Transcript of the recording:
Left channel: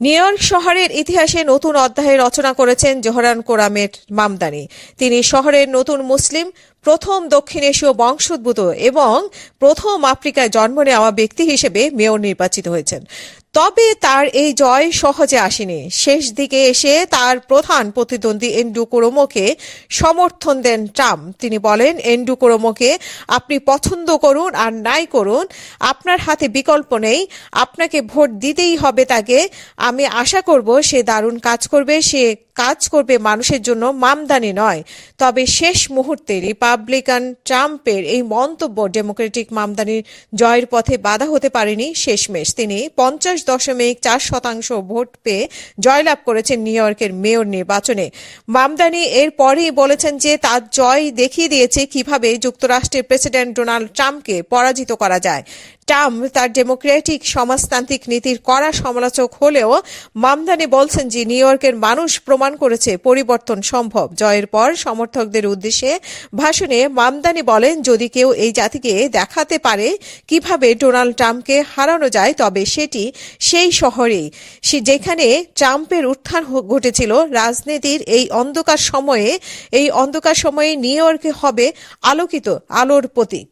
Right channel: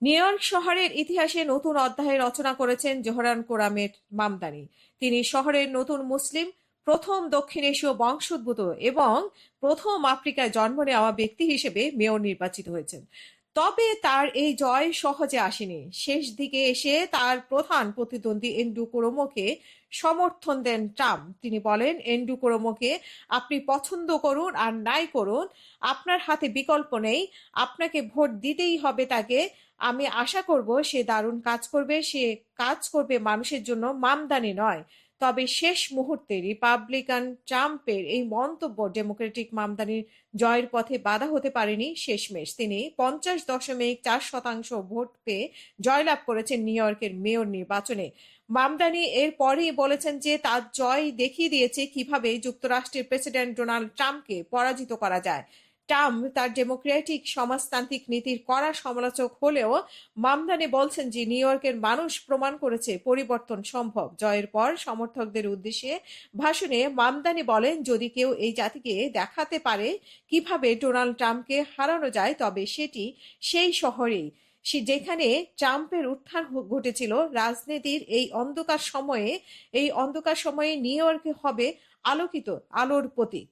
New York শহরের ইতিহাসে নতুন অধ্যায় রচনা করেছেন জোহরান কোরামের মামদানি। তিনি শহরের নতুন মুসলিম, প্রথম দক্ষিণ এশীয় বংশোদ্ভূত এবং প্রথম আফ্রিকায় জন্ম নেওয়া ব্যক্তি হিসেবে মেয়র নির্বাচিত হয়েছেন। তবে তার এই জয় সহজে আসেনি। শেষ দিকে এসে তার প্রধান প্রতিদ্বন্দ্বী এন্ড্রু কুরুমোকে সমর্থন দেন ট্রাম্প। তিনি বলেন, এন্ড্রু কুরুমোকে আপনি পছন্দ করুন আর নাই করুন, আপনার হাতে বিকল্প নেই, আপনাকে ভোট দিতেই হবে তাকে। আমি আশা করব সে দারুণ কাজ করবে, সে কাজ করবে মানুষের জন্য, মামদানি নয়। তবে শেষ মুহূর্তে রিপাবলিকান ট্রাম্পের এই মন্তব্য ডেমোক্রেটিক মামদানির জয়ের পথে বাধা হতে পারেনি। শেষমেশ তিনি 50.4% ভোট পেয়ে জয়লাভ করেছেন নিউ ইয়র্কের মেয়র নির্বাচনে। মামদানি এরপরেই বলেছেন যে তার জয় দেখিয়ে দিয়েছে কিভাবে যুক্তরাষ্ট্রের প্রেসিডেন্ট ডোনাল্ড ট্রাম্পকে পরাজিত করা যায়। ট্রাম্প তার ডেমোক্রেটিক সমাজতান্ত্রিক নীতির কড়া সমালোচক হলেও মামদানি বলছেন যে নিউ ইয়র্কের মানুষ প্রমাণ করেছে পরিবর্তন সম্ভব। জয়ের পর সমর্থকদের উদ্দেশ্যে ভাষণে মামদানি বলেন, যদি কেউ এই জাতিকে দেখাতে পারে কিভাবে ডোনাল্ড ট্রাম্পকে হারানো যায়, তবে সেটি সেই শহরেই, যেখানে ট্রাম্পের উত্থান ঘটেছিল। রাজনীতির এই অন্ধকার সময়ে নিউ ইয়র্কে হবে আলোকিত আলোর প্রতীক।